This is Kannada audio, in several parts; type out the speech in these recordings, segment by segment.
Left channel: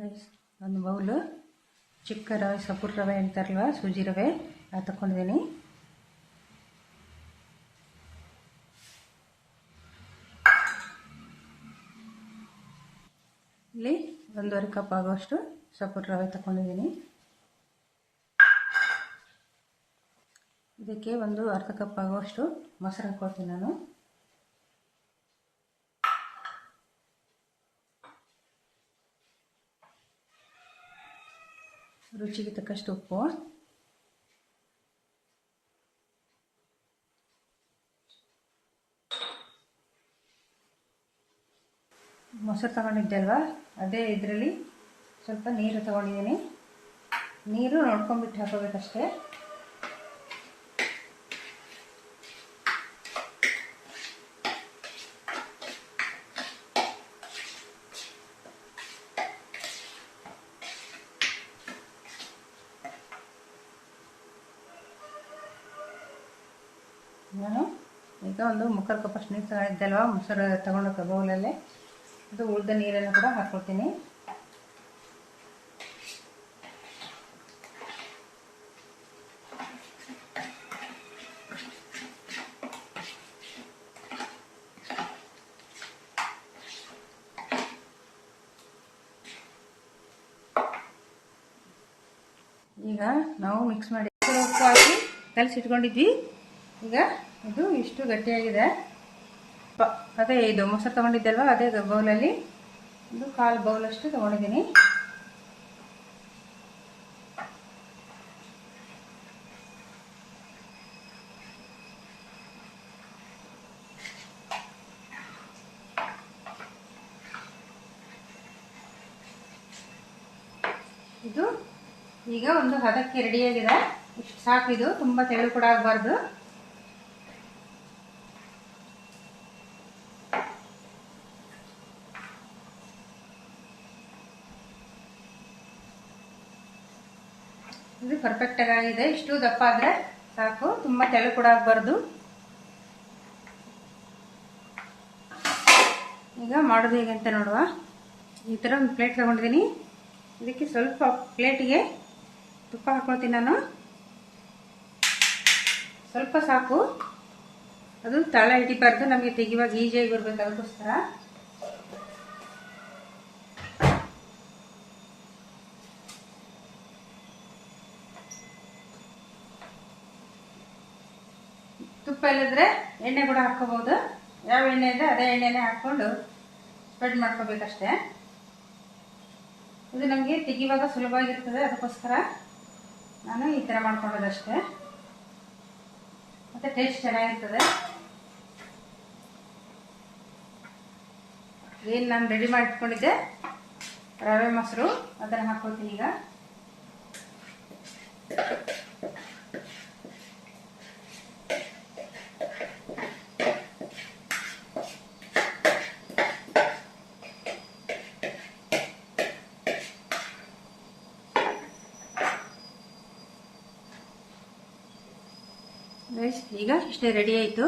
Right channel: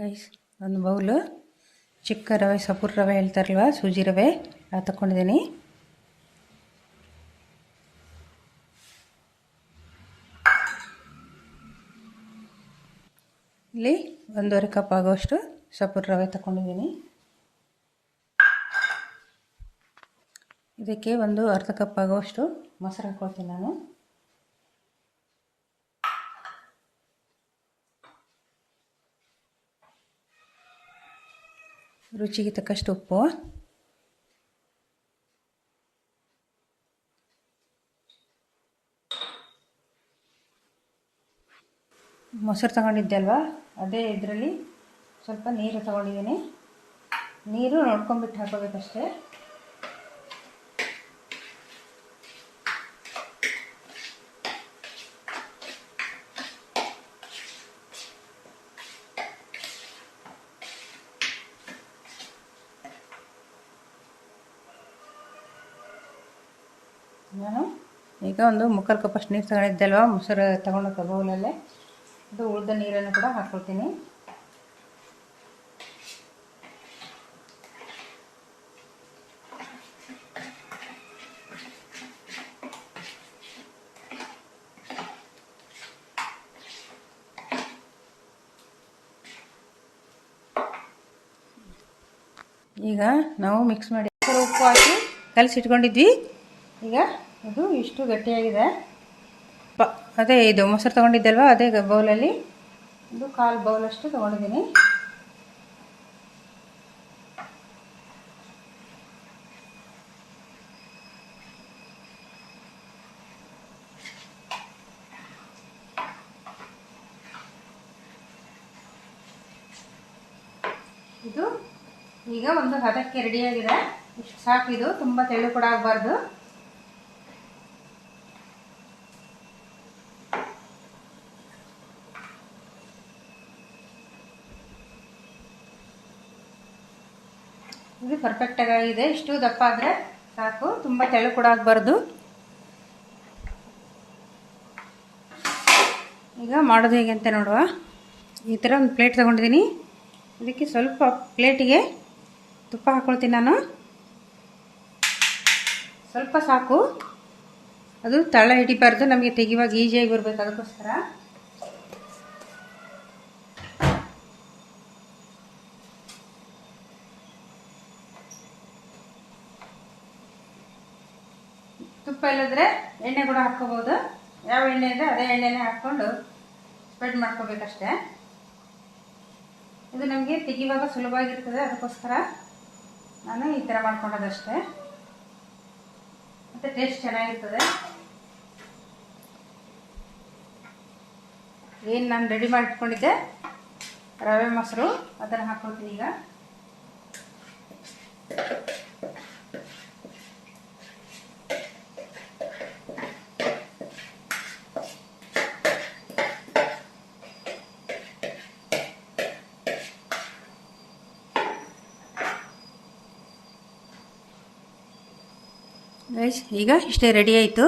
ಗೈಸ್, ಒಂದು ಬೌಲು ಚಿಕ್ಕ ರವೆ, ಸಪೂರ್ ರವೆ ಹೇಳ್ತಾರಲ್ವ, ಸೂಜಿ ರವೆ ಅದು ತಗೊಂಡಿದ್ದೀನಿ. ಇಲ್ಲಿ 1.5 ಕಪ್ ಆಗುವಷ್ಟು ಸಪೂರ್ ರವೆ ತಗೊಂಡಿದ್ದೀನಿ. ಇದಕ್ಕೆ ಒಂದು ಅರ್ಧ ಕಪ್ ಆಗುವಷ್ಟು ಮೊಸರು ಹಾಕ್ಕೊಳ್ತೀನಿ ನಾನು. ರುಚಿಗೆ ತಕ್ಕಷ್ಟು ಉಪ್ಪು, ಮೊಸರು ತಗೊಂಡಿದ್ದೆ ಅಲ್ವಾ, ಅದೇ ಇದರಲ್ಲಿ ಸ್ವಲ್ಪ ನೀರು ತಗೊಂಡಿದ್ದೀನಿ. ನೀರು ನೋಡ್ಕೊಂಬಿಟ್ಟು ಹಾಕೋಬೇಕಷ್ಟೇ. ನಾನು ಈಗ ಒಂದು 3/4 ಕಪ್ಪಷ್ಟು ನೀರು ತಗೊಂಡಿದ್ದೆ ಅಲ್ವಾ, ಮೊಸರು ತಗೊಂಡು ಬೌಲಲ್ಲೇ, ಅದು ಉಳಿದ ನೀರನ್ನು ಕೂಡ ಹಾಕ್ಕೊಳ್ತೀನಿ. ಈಗ ನಾವು ಮಿಕ್ಸ್ ಮಾಡಿ ಉಪ್ಪು ಹಾಕಿ ಕಲಸಿಟ್ಕೊಂಡಿದ್ವಿ. ಈಗ ಇದು ಇಷ್ಟು ಗಟ್ಟಿಯಾಗಿದೆ. ಅದೇ ಇದು ಮೊಸರು ತೊಗೊಂಡಿದ್ದಲ್ವ, ಅದೇ ಬೌಲಲ್ಲಿ ಒಂದು 1/4 ಬೌಲಷ್ಟು ತೊಗೊಂಡಿದ್ದೀನಿ. ಇದು ಈಗ ಒಂದು ಹದಕ್ಕೆ ರೆಡಿಯಾಗಿದೆ. ಇಷ್ಟು ಸಾಕು. ಇದು ತುಂಬ ತೆಳು ಕೂಡ ಆಗಬಾರ್ದು. ಇದು ಪರ್ಫೆಕ್ಟಾಗಿ ಆಗಿದೆ. ಇಷ್ಟು ದಪ್ಪ ಆದರೆ ಸಾಕು, ತುಂಬ ತೆಳು ಕೂಡ ಆಗಬಾರ್ದು. ಈಗ ಮಾಡೋದು ಹೇಗೆ ಅಂತ ನೋಡುವ. ಈ ಥರ ಒಂದು ಪ್ಲೇಟ್ ತಗೊಂಡಿದ್ದೀನಿ. ಇದಕ್ಕೆ ಸ್ವಲ್ಪ ಪ್ಲೇಟಿಗೆ ತುಪ್ಪ ಹಾಕ್ಕೊಳ್ತೀನಿ ನಾನು. ಸ್ವಲ್ಪ ಸಾಕು, ಅದು ತಳ ಹಿಡಿಬಾರ್ದು, ನಮಗೆ ತೆಗಿವಾಗ ಈಸಿಯಾಗಿ ಬರಬೇಕು, ಅದಕ್ಕೋಸ್ಕರ. ತುಪ್ಪ ಇಲ್ಲದ್ರೆ ಎಣ್ಣೆ ಕೂಡ ಹಾಕ್ಕೋಬೋದು. ಯಾವ ಎಣ್ಣೆ ಇದೆ ಅದೇ ಎಣ್ಣೆನೇ ಹಾಕ್ಕೊಂಡು ಸ್ಪ್ರೆಡ್ ಮಾಡ್ಕೋಬೇಕಷ್ಟೇ. ಇದು ನಮಗೆ ತೆಗಿವಾಗ ಸುಲಭವಾಗಿರ್ತದೆ, ಅದಕ್ಕೋಸ್ಕರ ನಾನು ಈ ಥರ ಮಾಡ್ಕೊಳ್ಳೋದಷ್ಟೇ. ಮತ್ತು ಟೇಸ್ಟ್ ಚೆನ್ನಾಗಿರ್ತದೆ. ಏನು ನಾನು ರೆಡಿ ಮಾಡಿಟ್ಕೊಂಡಿದ್ದೆ ರವೆ ಮೊಸರು, ಅದನ್ನು ಹಾಕ್ಕೊಳ್ತೀನಿ ಈಗ. ಗೈಸ್, ಈಗ ಇಷ್ಟೇ ರೆಡಿ ಆಯಿತು.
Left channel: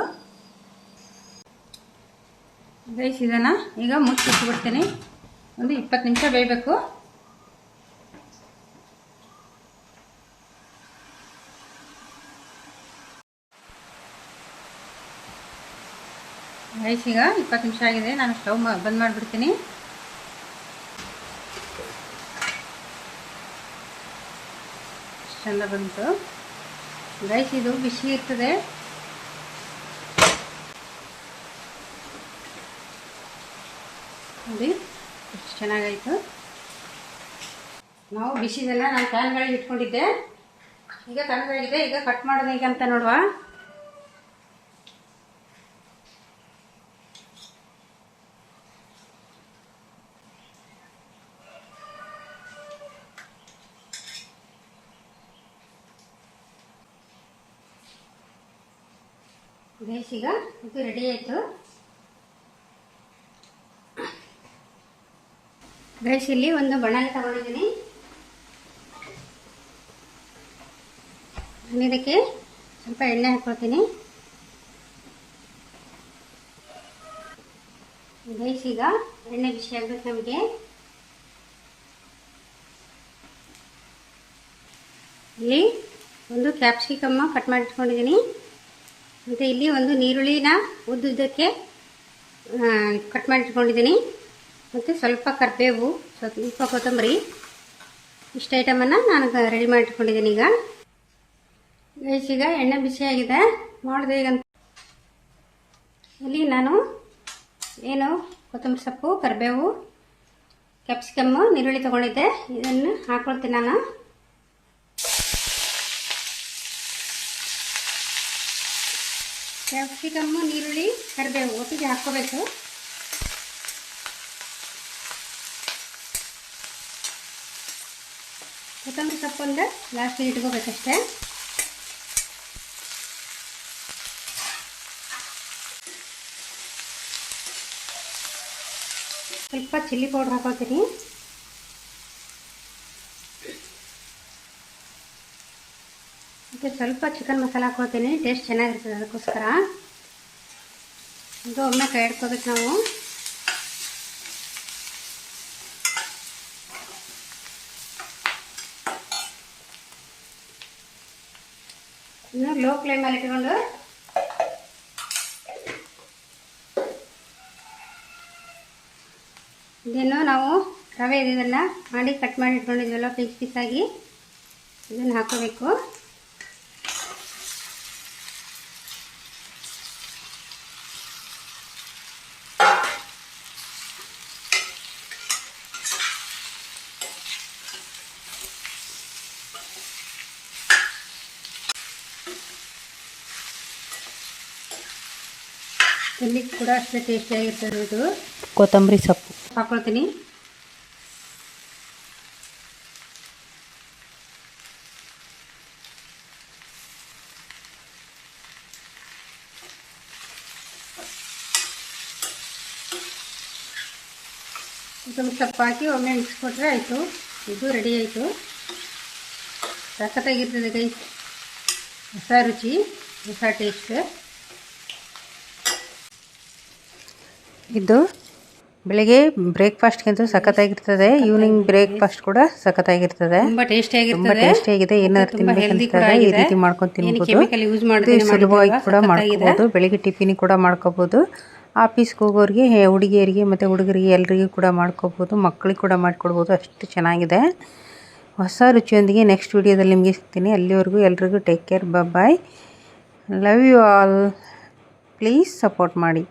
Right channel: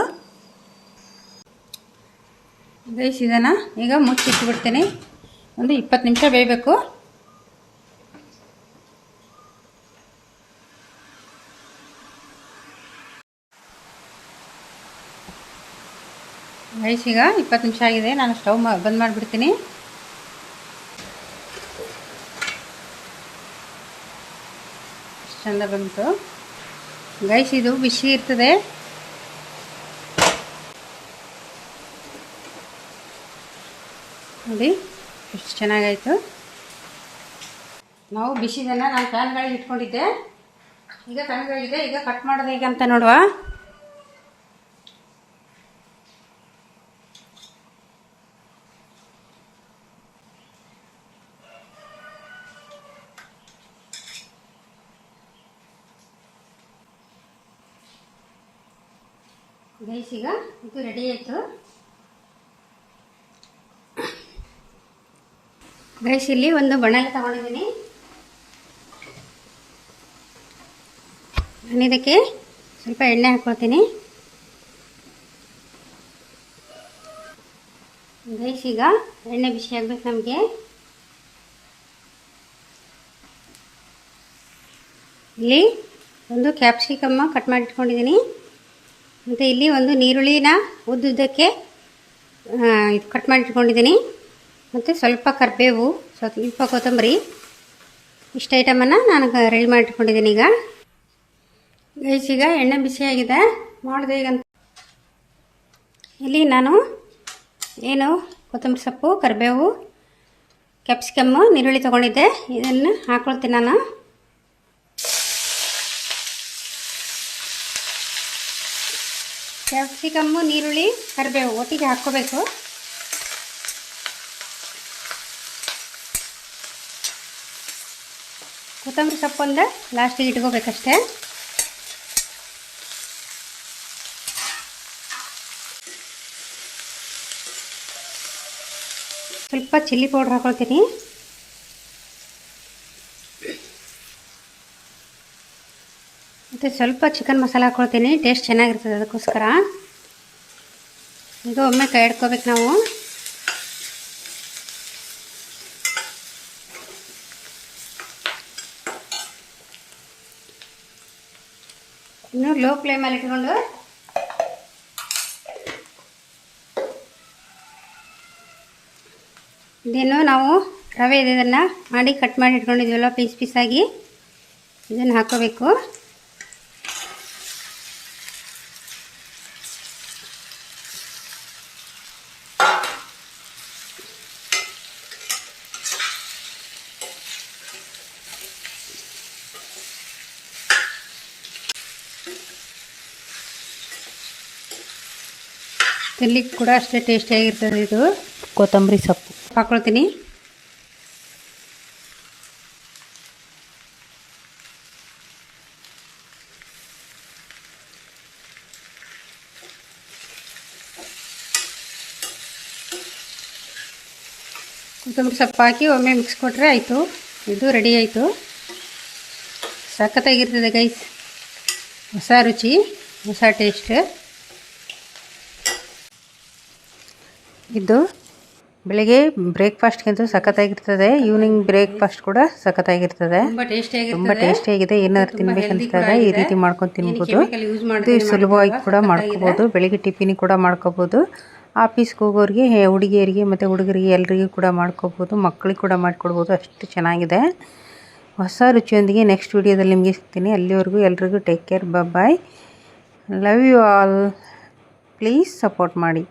ಗೈಸ್, ಇದನ್ನು ಈಗ ಮುಚ್ಚಿಟ್ಬಿಡ್ತೀನಿ. ಒಂದು 20 ನಿಮಿಷ ಬೇಯಬೇಕು. ಗೈಸ್, ಈಗ 20 ನಿಮಿಷ ಆಗಿದೆ. ನಾನು ಸ್ಟವ್ ಬಂದ್ ಮಾಡಿಬಿಡ್ತೀನಿ. ಚಂದ ಬಂತು. ಗೈಸ್, ಇದು ಬಿಸಿ ಇರ್ತದೆ. ನೋಡಿ ಎಷ್ಟು ಚೆನ್ನಾಗಾಯಿತು. ನಾವು ಬಿಸಿದನ್ನು ನಾನು ಫ್ಯಾನ್ಗಳಿಗೆ ಇಟ್ಕೊಂಡಿದ್ದೆ. ಈಗ ತಣ್ಣಗಾಗಿದೆ. ಈಗ ಕಟ್ ಮಾಡೋದು ಹೇಗೆ ಅಂತ ನೋಡುವ. ಗೈಸ್, ಈಗ ಇದು ರೆಡಿ ಆಯಿತು. ಗೈಸ್, ಇಲ್ಲಿ ಒಂದು ಬಾಣಲೆ ತಗೊಂಡಿದ್ದೀನಿ. ನಾನು ಇದಕ್ಕೆ ಸ್ವಲ್ಪ ಎಣ್ಣೆ ಹಾಕ್ಕೊಳ್ತೀನಿ. ಗೈಸ್, ಈಗ ಎಣ್ಣೆ ಬಿಸಿ ಆಗಬೇಕು ನಮಗೆ. ಇಲ್ಲಿ ಒಂದು ಕ್ಯಾಪ್ಸಿಕಮ್ಮ ಕಟ್ ಮಾಡಿ ಇಟ್ಕೊಂಡಿದ್ದೀನಿ. ಮತ್ತು ಇಲ್ಲಿ ಒಂದು ನೀರುಳ್ಳಿನ ಉದ್ದುದ್ದಕ್ಕೆ ಕಟ್ ಮಾಡಿ ಇಟ್ಕೊಂಡಿದ್ದೀನಿ. ಮತ್ತು ಸ್ವಲ್ಪ ಕರಿಬೇವು, ಸ್ವಲ್ಪ ಕೊತ್ತಂಬರಿ, ಇಷ್ಟು ಐಟಮನ್ನು ನಾನು ರೆಡಿ ಮಾಡಿ ಇಟ್ಕೊಂಡಿದ್ದೀನಿ. ಈಗ ಎಣ್ಣೆ ಬಿಸಿಯಾಗಿದೆ, ಮಾಡಿದೆ. ಈಗ ಇಲ್ಲಿ ನಾನು ಏನು ಕೊತ್ತಂಬರಿ ಸೊಪ್ಪು, ಕರಿಬೇವು, ಕ್ಯಾಪ್ಸಿಕಮ್ಮು, ನೀರುಳ್ಳಿ ತೊಗೊಂಡಿದ್ದೆ, ಇದನ್ನು ಹಾಕ್ಕೊಳ್ತೀನಿ ನಾನು. ಕ್ಯಾಪ್ಸಿಕಮ್ಮು, ನೀರುಳ್ಳಿ, ಕರಿಬೇವು ಒಟ್ಟಿಗೆ ಹಾಕ್ಕೋಬೇಕು. ಕೊತ್ತಂಬರಿ ಸೊಪ್ಪೊಂದು ಲಾಸ್ಟಿಗೆ ಇಟ್ಕೋಬೇಕಷ್ಟೇ. ಸ್ವಲ್ಪ ಚಿಲ್ಲಿ ಪೌಡ್ರ್ ಹಾಕ್ಕೊಳ್ತೀನಿ. ಮತ್ತು ಸ್ವಲ್ಪ ಚಿಕನ್ ಮಸಾಲ ಹಾಕ್ಕೊಳ್ತೀನಿ, ಟೇಸ್ಟ್ ಚೆನ್ನಾಗಿರ್ತದೆ ಅದಕ್ಕೋಸ್ಕರ. ಇದು ಒಮ್ಮೆ ಕೈ ಇಡ್ಕೋಬೇಕು ನಾವು. ಇನ್ನು ಲೋ ಫ್ಲೇಮಲ್ಲಿ ಇಟ್ಕೊಂಡು ಇದೇನು ನಾವು ರವೆ ಇದನ್ನು ಮಾಡಿ ಕಟ್ ಮಾಡಿ ಇಟ್ಕೊಂಡಿದ್ದೀವಲ್ಲ ಪೀಸ್ ಪೀಸಾಗಿ, ಇದನ್ನು ಹಾಕೋಬೇಕು. ತಿನ್ಲಿಕ್ಕೆ ಕೂಡ ಅಷ್ಟೇ ಟೇಸ್ಟಿಯಾಗಿರ್ತದೆ. ಇದು ಕೊತ್ತಂಬರಿ ಸೊಪ್ಪು ಹಾಕ್ಕೊಳ್ತೀನಿ. ಕೊತ್ತಂಬರಿ ಸೊಪ್ಪು ಹಾಕಿ ಒಮ್ಮೆ ಮಿಕ್ಸ್ ಕೊಟ್ಟರೆ ಆಯಿತು. ಇದು ರೆಡಿ ಆಯಿತು. ಸಖತ್ತಾಗಿರ್ತದೆ ಗೈಸ್, ಹೊಸ ರುಚಿ, ಹೊಸ ಟೇಸ್ಟ್. ಇದು ಬೆಳಗ್ಗೆ ಬ್ರೇಕ್ಫಾಸ್ಟ್ಗಿಂತೂ ಸಖತ್ತಾಗಿರ್ತದೆ. ಈವ್ನಿಂಗ್ ಬ್ರೇಕ್ಫಾಸ್ಟ್ ಕೂಡ ಸಖತ್ತಾಗಿರ್ತದೆ, ತುಂಬ ಟೇಸ್ಟಿಯಾಗಿದೆ. ಏನಾದ್ರು ತಿನ್ಬೇಕಂತಾಗ ಈ ರೀತಿ ಮಾಡ್ಕೊಂಡು ತಿನ್ಬೋದು. ಇದು ಸುಲಭವಾಗಿ ಕೂಡ ಮಾಡ್ಕೋಬೋದು. ಬೆಳಗ್ಗೆ ಟಿಫಿನಿಗೆ ಕೂಡ ಮಾಡ್ಕೋಬೋದು. ಆಫೀಸ್ಗೆ ಹೋಗೋರಿಗೆ, ಹುಡುಗಿಯರಿಗೆ ಮತ್ತು ಹುಡುಗರಿಗೆ ಎಲ್ರಿಗೂ ಕೂಡ ಮಾಡ್ಕೋಬೋದು. ಮಕ್ಕಳಿಗೆ ಕೂಡ ಮಾಡಿಕೊಡ್ಬೋದು. ಅಷ್ಟು ಚೆನ್ನಾಗಿದೆ. ಹೊಸ ರುಚಿಯೊಂದಿಗೆ ನೆಕ್ಸ್ಟ್ ವಿಡಿಯೋದಲ್ಲಿ ನಿಮಗೆ ಸಿಗ್ತೀನಿ. ಅಲ್ಲಿವರೆಗೂ ಎಲ್ರಿಗೂ take care, bye. Love you all. Please support ಮಾಡಿ.